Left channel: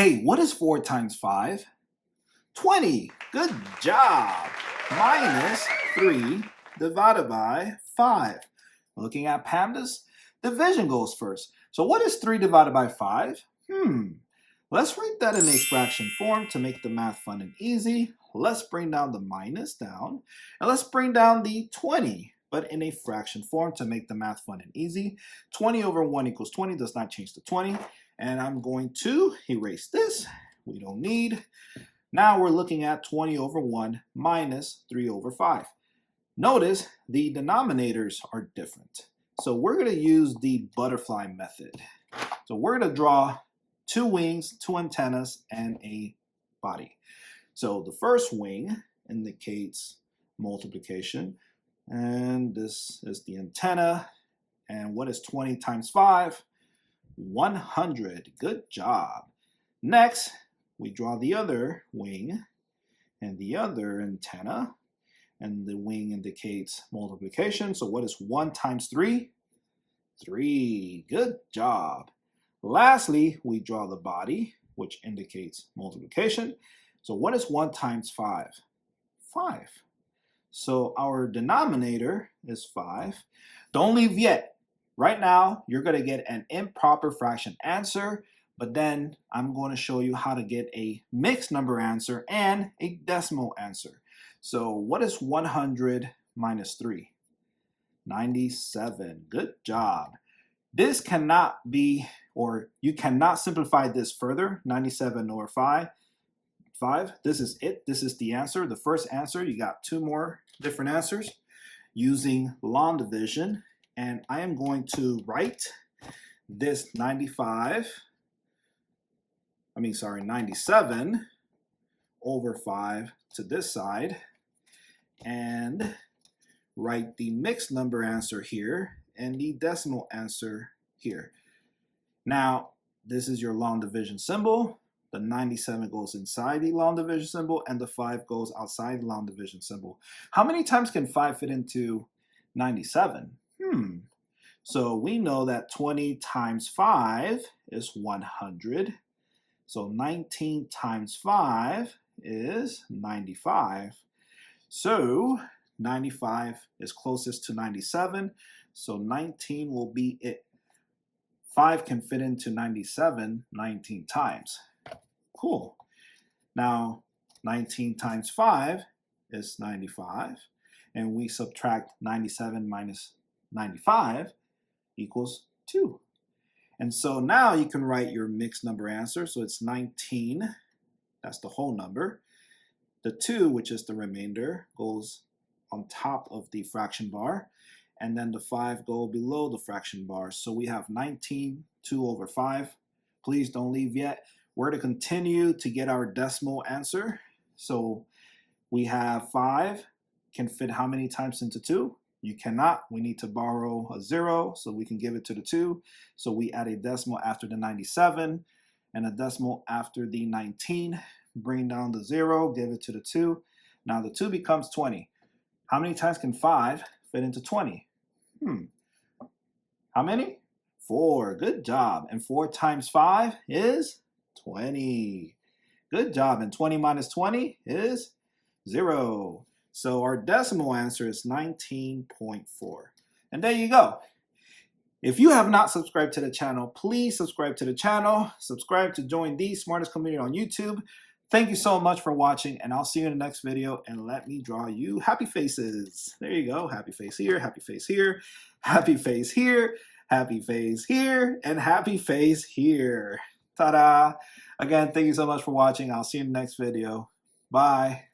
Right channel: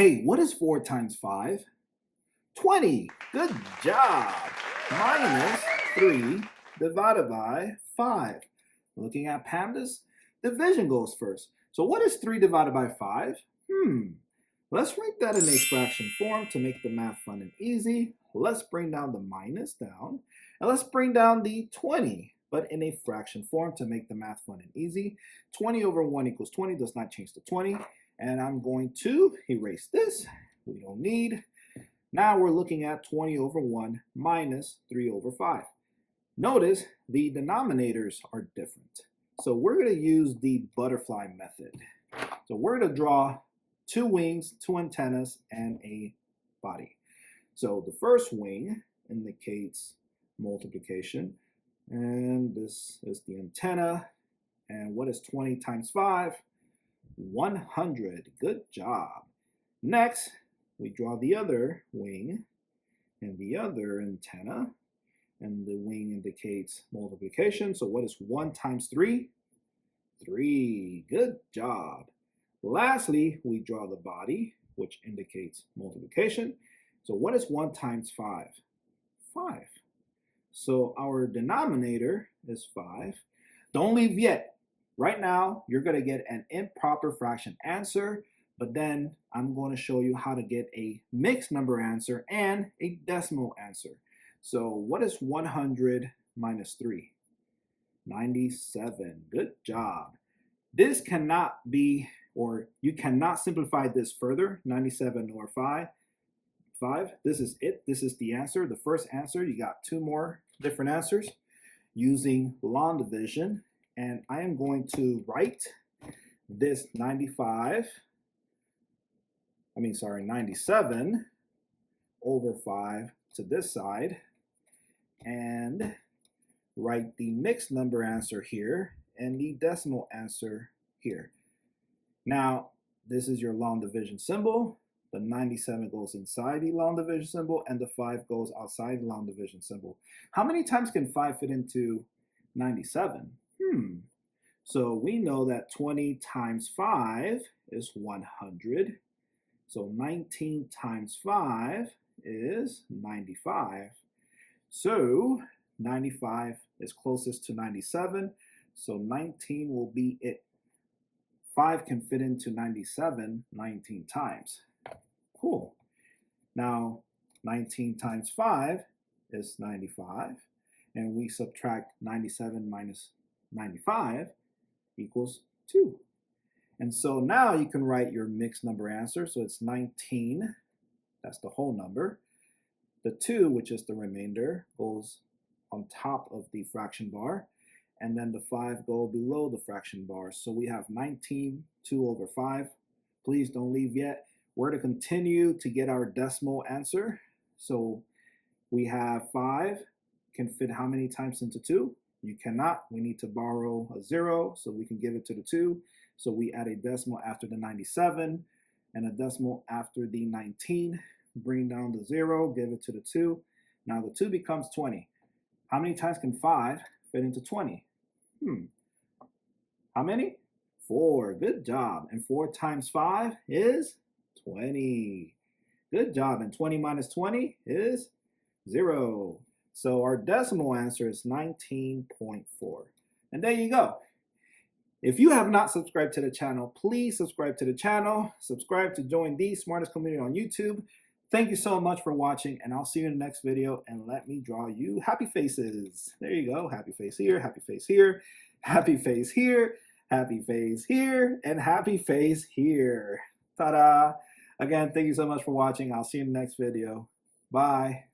Hey, what is 4 times 5? 20. Good job. Minus 3 divided by 5. Looking at PEMDAS, division goes first. So what is 3 divided by 5? Let's write that in a fraction form to make the math fun and easy. Let's bring down the minus down, and let's bring down the 20, but in a fraction form to make the math fun and easy. 20 over 1 equals 20 does not change to 20, and I'm going to erase this. We don't need. Now we're looking at 20 over 1 minus 3 over 5. Notice the denominators are different. So we're going to use the butterfly method. So we're going to draw 2 wings, 2 antennas, and a body. So the first wing indicates multiplication, and this is the antenna. And what is 20 times 5? 100. Good job. Next, we draw the other wing and the other antenna, and the wing indicates multiplication. So what is 1 times 3? 3. Good job. Lastly, we draw the body, which indicates multiplication. So what is 1 times 5? 5. So our denominator is 5. Don't leave yet. Right now, you're going to get an improper fraction answer, but then I'm going to show you how to get a mixed number answer and a decimal answer. So what is 100 minus 3? 97. Good job. This cannot be, or you cannot simplify this further. 97 over 5. This is it. This is the answer. The first answer. You got 2 more different answers using long division. And I am going to write this 97 over 5 to this side, and write the mixed number answer here and the decimal answer here. Now, this is your long division symbol. The 97 goes inside the long division symbol, and the 5 goes outside the long division symbol. How many times can 5 fit into 97? So we know that 20 times 5 is 100. So 19 times 5 is 95. So 95 is closest to 97. So 19 will be it. 5 can fit into 97 19 times. Cool. Now 19 times 5 is 95. And we subtract 97 minus 95 equals 2. And so now you can write your mixed number answer. So it's 19, that's the whole number. The 2, which is the remainder, goes on top of the fraction bar. And then the 5 go below the fraction bar. So we have 19, 2 over 5. Please don't leave yet. We're to continue to get our decimal answer. So we have 5 can fit how many times into 2? You cannot. We need to borrow a 0 so we can give it to the 2. So we add a decimal after the 97 and a decimal after the 19. Bring down the 0, give it to the 2. Now the 2 becomes 20. How many times can 5 fit into 20? How many? 4. Good job. And 4 times 5 is 20. Good job. And 20 minus 20 is 0. So our decimal answer is 19.4. And there you go. If you have not subscribed to the channel, please subscribe to the channel. Subscribe to join the smartest community on YouTube. Thank you so much for watching, and I'll see you in the next video. And let me draw you happy faces. There you go. Happy face here, happy face here, happy face here, happy face here, and happy face here. Ta-da! Again, thank you so much for watching. I'll see you in the next video. Bye.